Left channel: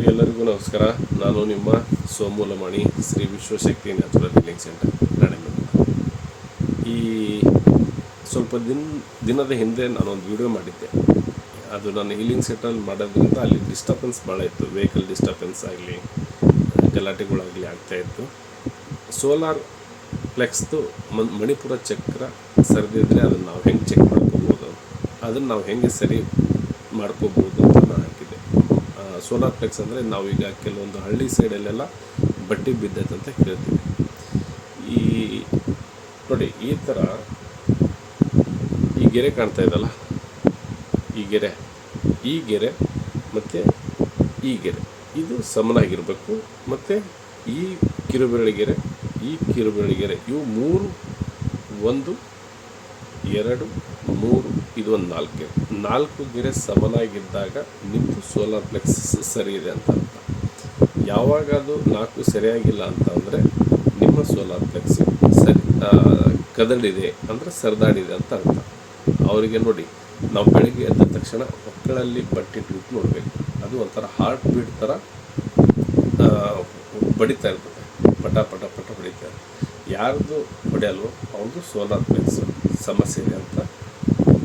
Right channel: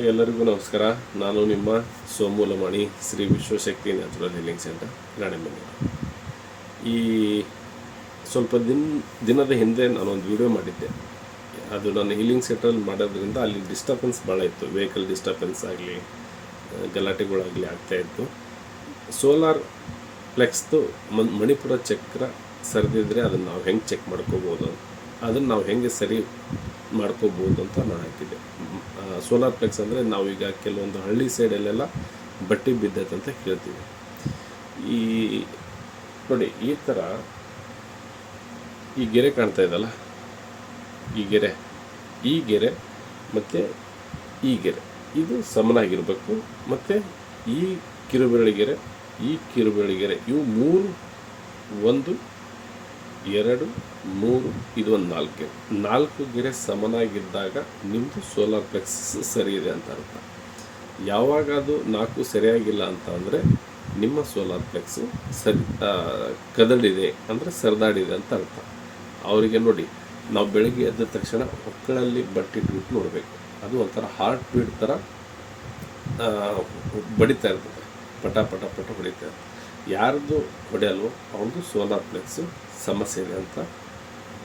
ಹಾಗೆ ಎಲ್ಲರಿಗೂ ನಮಸ್ಕಾರ. ನಾನು ನಿಮ್ಮ Somu Lamani, Shri Vishwashakti natural healing centre, Ranebennur. ಈ ಸ್ವಲ್ಪ ದಿನದ ಹಿಂದೆ ನಾನೊಂದು ವಿಡಿಯೋ ಮಾಡಿದ್ದೆ. ಅದು ನಾನು ಹೀಲಿಂಗ್ ಸೆಂಟ್ರಲ್ಲಿ ಮಾಡೋದ್ರಿಂದ ಅಲ್ಲಿ ಡಿಸ್ಟರ್ಬೆನ್ಸ್ ಭಾಳ ಇತ್ತು. ವೆಹಿಕಲ್ ಡಿಸ್ಟರ್ಬೆನ್ಸ್ ಆಗಲಿ, ಗಲಾಟೆಗಳಾಗಲಿ ಆಗ್ತಾಯಿತ್ತು. ಸೋಲಾರ್ ಫ್ಲೆಕ್ಸ್ದು ಮಣಿಪುರ ಚಕ್ರ ಸರಿದಿದ್ರೆ ಅದನ್ನು ನಾವು ಹೆಂಗೆ ಚೆಕ್ ಮಾಡ್ಕೋಬೋದು, ಅದನ್ನು ನಾವು ಹೆಂಗೆ ಸರಿ ಮಾಡ್ಕೋಬೋದು ಅಂತ ನಾನು ಹಾಕಿದ್ದೆ. ಸೋಲಾರ್ ಫ್ಲೆಕ್ಸ್ ಅಂದರೆ ನಾವೀಗ ಕೆಲವೊಂದು ಹಳ್ಳಿ ಸೈಡಲ್ಲೆಲ್ಲ ಬಟ್ಟೆ ಬಿದ್ದೈತೆ ಅಂತ ಕೇಳ್ತೀವಿ. ಈ ನೋಡಿ, ಈ ಥರ ಈ ಗೆರೆ ಕಾಣ್ತಾ ಇದಲ್ಲ, ಈ ಗೆರೆ ಮತ್ತು ಈ ಗೆರೆ ಇದು ಸಮನಾಗಿರಬೇಕು. ಮತ್ತು ಈ ಕಿರುಬೆರಳಿಗೆರೆ, ಈ ಕಿರುಬೆರಳಿಗೆರೆ, ಇವು ಮೂರು, 1 2 3, ಇದು ಒಂದು 4 ಗೆರೆ. 4 ಗೆರೆ ಸಮನಾಗಿದ್ದಾಗ ನಿಮ್ಮದು ಸೋಲಾರ್ ಫ್ಲೆಕ್ಸ್ ಸರಿ ಇದೆ ಅಂತ ಅರ್ಥ. ಯಾವಾಗ ಅದು 4 ಸರಿಯಾಗಿಲ್ಲ ಅಂತ ಅಂದರೆ ನಿಮ್ಮ ಸೋಲಾರ್ ಫ್ಲೆಕ್ಸ್ ಕದಡಿದೆ ಅಂದರೆ ಸರಿದಾಡಿದೆ ಅಂತ ಅರ್ಥ. ಅವರಿಗೆ ನೋಡಿ, ನಾವು ಬೆಳಗ್ಗೆ ಎದ್ದ ತಕ್ಷಣ ಒಕ್ಕಳಲ್ಲಿ ಬಟ್ಟೆ ಇಟ್ಬಿಟ್ಟು ನೋಡಬೇಕು. ಅದು ಒಂಥರ ಹಾರ್ಟ್ ಬೀಟ್ ಥರ ಬಡಿತಾ ಇರ್ತದೆ, ಪಟ ಪಟ ಪಟ ಹೊಡಿತಾ ಇರ್ತದೆ. ಯಾರ್ದು ಹೊಡೆಯಲ್ವೋ ಅವ್ರದ್ದು ಸೋಲಾರ್ ಫ್ಲೆಕ್ಸ್ ಸಮಸ್ಯೆ ಇದೆ ಅಂತ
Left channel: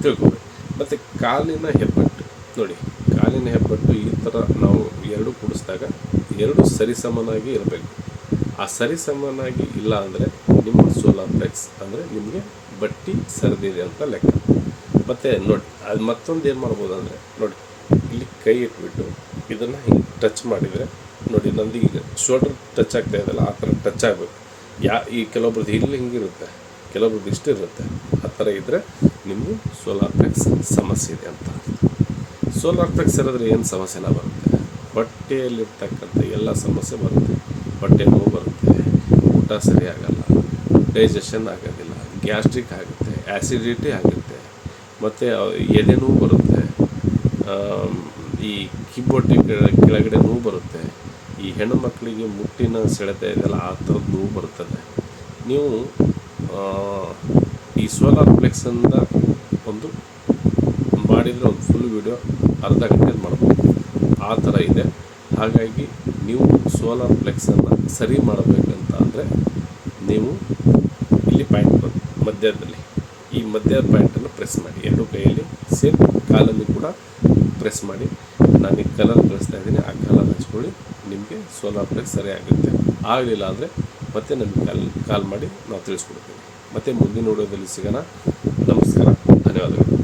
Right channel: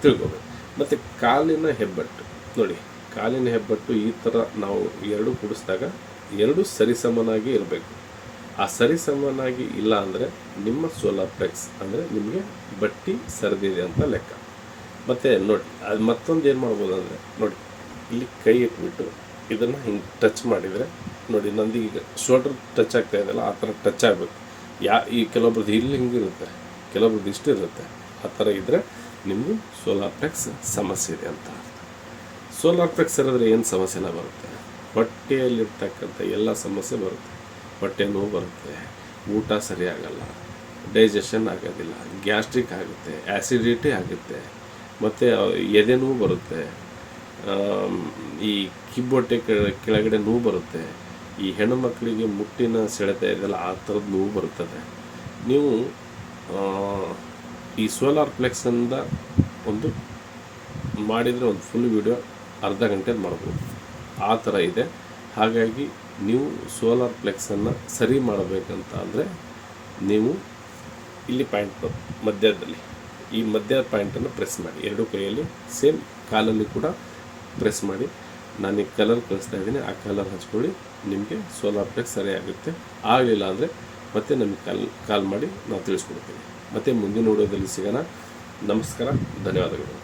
ತಿಳ್ಕೊಬೇಕು. ಮತ್ತು ಕಾಲಿನ ಹೆಬ್ಬಟ್ಟು ನೋಡಿ, ಕಾಲಿನ ಹೆಬ್ಬಟ್ಟು ಈ ಥರ ನಾವು ಎರಡು ಕೂಡಿಸಿದಾಗ ಎರಡು ಸರಿಸಮನಾಗಿ ಇರಬೇಕು. ಆ ಸರಿಸಮನಾಗಿ ಇಲ್ಲ ಅಂದರೆ ನಿಮ್ಮ ಸೋಲಾರ್ ಫ್ಲೆಕ್ಸ್ ಅಂದರೆ ನಿಮಗೆ ಬಟ್ಟಿ ಸರಿದಿದೆ ಅಂತ ಲೆಕ್ಕ. ಮತ್ತು ನೋಡಿ, ಅದು ಮತ್ತೊಂದು ಏನು ಮಾಡ್ಬೋದು ಅಂದರೆ, ನೋಡಿ ಇಲ್ಲಿ ಕೈ ಇಟ್ಬಿಟ್ಟು ಇದನ್ನು ಹಿಂಗೆ ಟಚ್ ಮಾಡಿದರೆ ನೋಡಿ, ನಂದು ಈಗ ಶೋಲ್ಡರ್ ಟಚ್ ಆಗ್ತಾ ಇದೆಯಲ್ಲ, ಆ ಥರ ಟಚ್ ಆಗಬೇಕು. ಈ ಕೆಲವೊಬ್ರದ್ದು ಇಲ್ಲಿ ಹಿಂಗಿರುತ್ತೆ, ಕೆಲವೊಬ್ರದ್ದು ಇಷ್ಟು ಇರುತ್ತೆ. ಆ ಥರ ಇದ್ದರೆ ನಿಮಗೂ ಸೋಲಾರ್ ಫ್ಲೆಕ್ಸ್ ಸಮಸ್ಯೆ ಇದೆ ಅಂತ. ಸೋಲಾರ್ ಫ್ಲೆಕ್ಸ್ ಇರೋದ್ರೆ ಏನು ಸಮಸ್ಯೆ ಎಲ್ಲ ಬರುತ್ತೆ, ಹೊಟ್ಟೆಯಲ್ಲಿರ್ತಕ್ಕಂಥ ಎಲ್ಲ ಸಮಸ್ಯೆ ಬರುತ್ತೆ. ಹೊಟ್ಟೆ ನೋವು ಬರುತ್ತೆ, ಊಟ ಸರಿಯಾಗಲ್ಲ, ಡೈಜೆಷನ್ ಆಗೋದಿಲ್ಲ, ಗ್ಯಾಸ್ಟ್ರಿಕ್ ಆಗುತ್ತೆ, ಆ್ಯಸಿಡಿಟಿ ಆಗುತ್ತೆ, ಮತ್ತು ಎದೆ ನೋವು ಬರುತ್ತೆ, ಈ ಕಿಬ್ಬೊಟ್ಟೆ ಕೆಳಗಡೆ ನೋವು ಬರುತ್ತೆ. ಈ ಹೆಣ್ಣು ಮಕ್ಕಳಿಗೆ ಮುಟ್ಟಿನ ಸೆಳೆತ ಇದೆಲ್ಲ ಆ ಥರದ್ದು ನೋವು ಬರುತ್ತದೆ. ನೀವು ಈ ಸೋಲಾರ್ ಫ್ಲೆಕ್ಸನ್ನು ಒಂದು ಮಾಡಿದರೆ ಒಂದು ಫುಲ್ ವಿಡಿಯೋ ಅರ್ಧ ಗಂಟೆದು ಮಾಡ್ಬೋದು, ಆ ಥರ ಇದೆ. ಹಾಗಾಗಿ ನೀವು ಸೋಲಾರ್ ಫ್ಲೆಕ್ಸನ್ನು ಸರಿ ಮಾಡಬೇಕಂತ ಅಂದರೆ ನೀವು ಇಲ್ಲಿ ಪಾಯಿಂಟ್ ಬಂದು ಮಧ್ಯದಲ್ಲಿ ಈ ಮಧ್ಯದ ಪಾಯಿಂಟನ್ನು ಪ್ರೆಸ್ ಮಾಡಿ, ಎರಡು ಕೈಯಲ್ಲಿ ಸೇಮ್, ಕಾಲಲ್ಲಿ ಕೂಡ ಪ್ರೆಸ್ ಮಾಡಿ. ನಾನು ಈ ಕಲರ್ ಕಳಿಸ್ತಾ ಇದ್ದೀನಿ, ಆ ಕಲರ್ ಹಚ್ಕೊಳ್ಳಿ, ನಿಮಗೆ ಸೋಲಾರ್ ಫ್ಲೆಕ್ಸ್ ಸರಿ ಆಗುತ್ತೆ. ಆಗಲಿಲ್ಲ ಅಂದರೆ ಮತ್ತೆ ನಮಗೆ ಕಾಲ್ ಮಾಡಿ ನಾವು ತಿಳಿಸ್ಕೊಡ್ತೀವಿ. ಮತ್ತು ಮುಂದಿನ ವಿಡಿಯೋದಲ್ಲಿ ಸಿಗೋಣ. ನಮಸ್ಕಾರ, ಧನ್ಯವಾದಗಳು.